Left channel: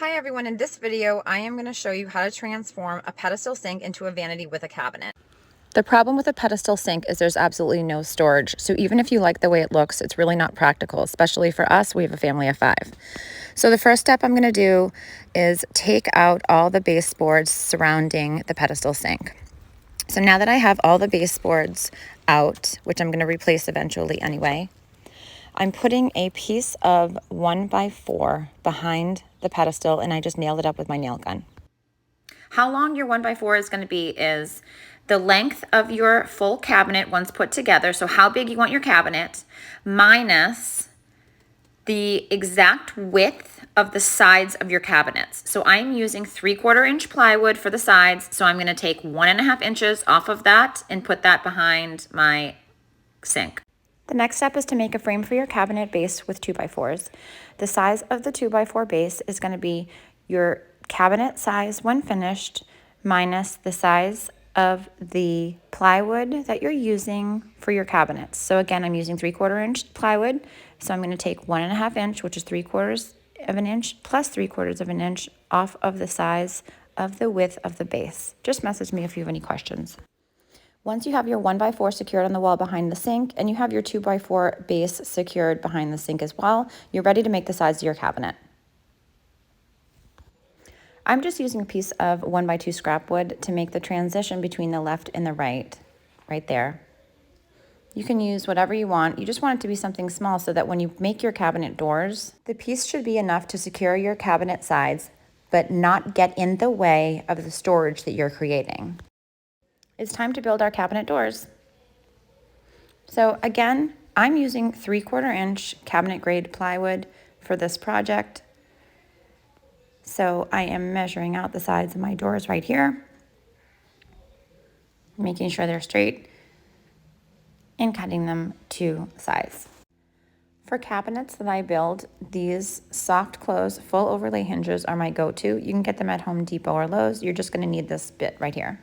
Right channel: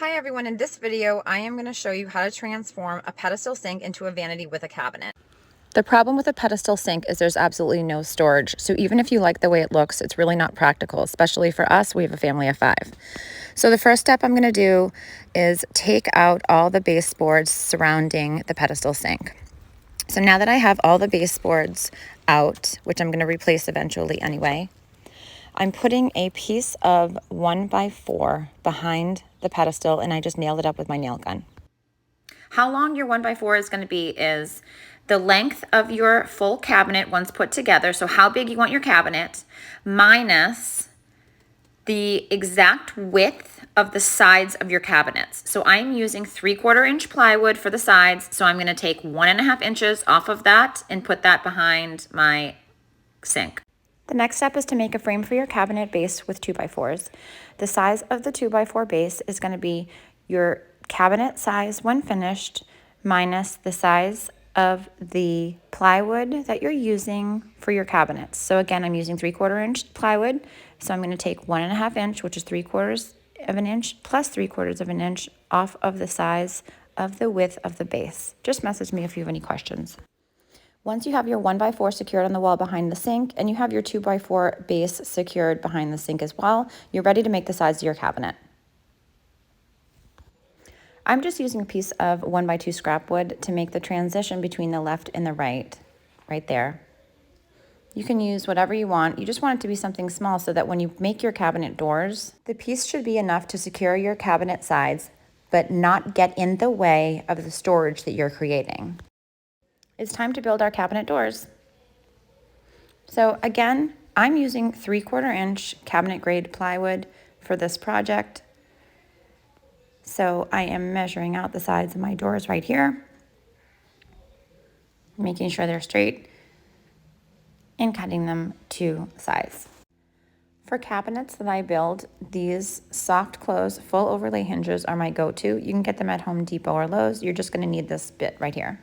Hi everyone, in this video I am going to show you how to transform a pedestal sink into a vanity with a cabinet. The problem with a pedestal sink is there's absolutely no storage, so even if you like the way it looks, it's really not practical, especially for us. We have a family of 5. So the first step I'm going to do is take out all the baseboards surrounding the pedestal sink. So now that I have all the baseboards out, which I'm going to replace eventually anyway, I'm putting a piece of 1x4 behind the pedestal, and I just nailed it up with my nail gun. How long your 1x4 is going to be is the length of your full cabinet once put together, so how big you want your cabinet, minus the exact width of the sides of your cabinets. So I'm using 3/4 inch plywood for the sides, so I'm going to take 1.5 inches off of that and put that behind my sink. The next step is to make a frame for your cabinet base with 2x4s. The size of the 2x4 base is going to be your cabinet size when finished minus the size of the plywood that you're using for your cabinets. So again, I'm using 3/4 inch plywood. So I'm going to take 1.5 inch, which is 3/4 of an inch plus 3/4 of an inch off of the size of the width of the base. Just message me if you have any questions. Once you have your 1x4 secured on the wall behind the sink and you have your 2x4 base secured behind the sink as well, you're ready to make the sides of your cabinet. I'm just using a piece of 1x2 scrap wood to make the transition between the left and the right there. You can use whatever you want. You just want it to be something small so that when you make your cabinet doors, the piece should be enough to secure your cabinet sides, but not get in the way of the storage that you're creating. It's time to build our cabinet doors. So again, I'm using 3/4 inch cabinet grade plywood for this project. So I am measuring out the sides of my doors right here, making sure they're straight and cutting them to size. For cabinets that I build, these soft close full overlay hinges are my go-to. You can get them at Home Depot or Lowe's. You're just going to need this bit right here.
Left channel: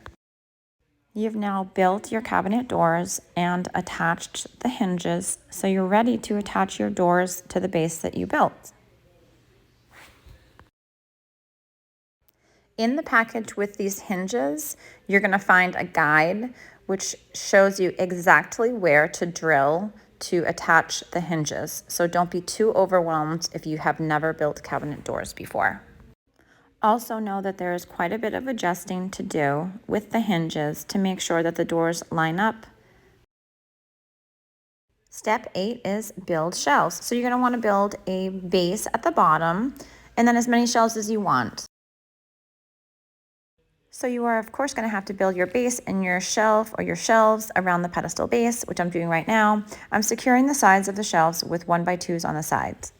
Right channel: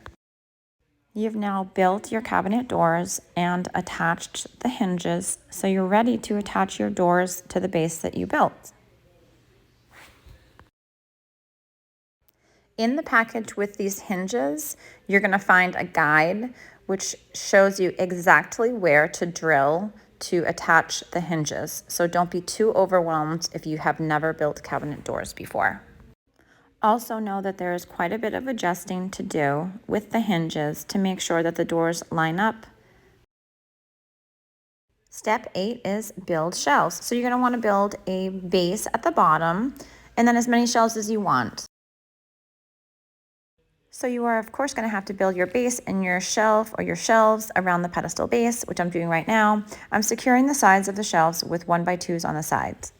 You've now built your cabinet doors and attached the hinges, so you're ready to attach your doors to the base that you built. In the package with these hinges, you're going to find a guide which shows you exactly where to drill to attach the hinges. So don't be too overwhelmed if you have never built cabinet doors before. Also know that there is quite a bit of adjusting to do with the hinges to make sure that the doors line up. Step 8 is build shelves. So you're going to want to build a base at the bottom and then as many shelves as you want. So you are of course going to have to build your base and your shelf or your shelves around the pedestal base, which I'm doing right now. I'm securing the sides of the shelves with 1x2s on the sides.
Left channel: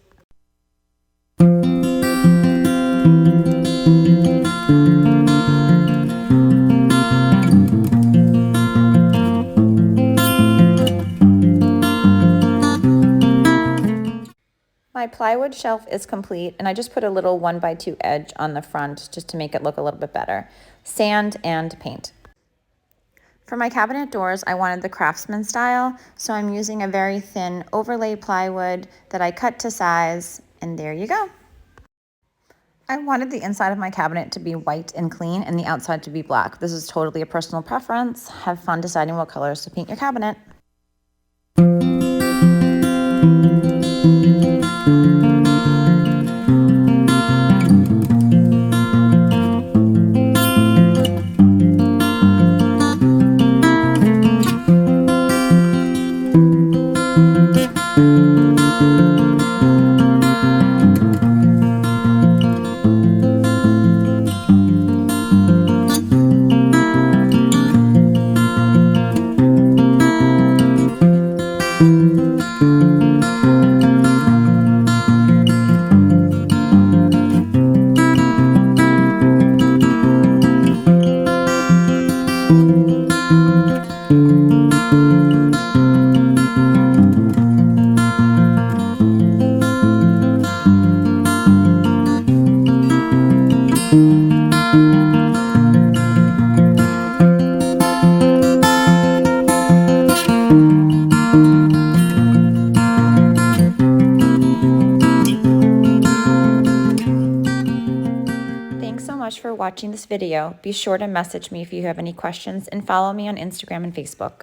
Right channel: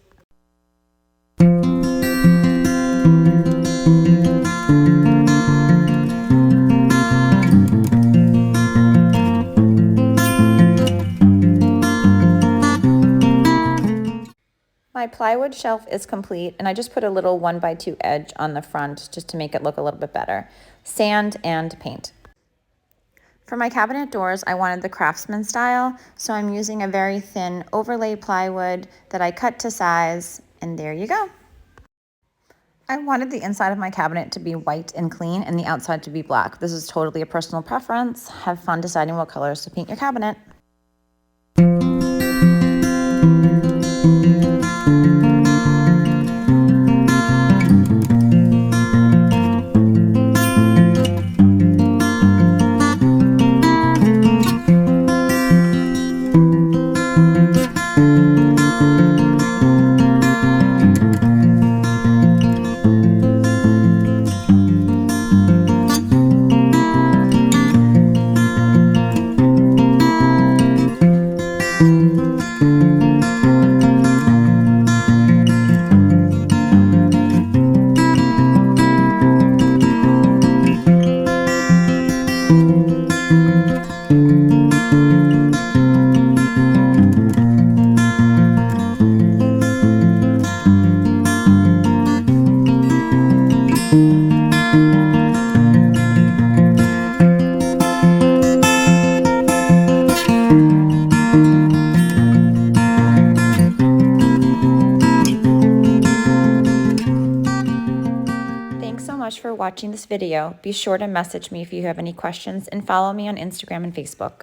My plywood shelf is complete, and I just put a little 1x2 edge on the front just to make it look a little bit better. Sand and paint. For my cabinet doors, I wanted the craftsman style, so I'm using a very thin overlay plywood that I cut to size, and there you go. I wanted the inside of my cabinet to be white and clean and the outside to be black. This is totally a personal preference. Have fun deciding what colors to paint your cabinet. much for watching this video. Be sure to message me if you have any questions and follow me on Instagram and Facebook.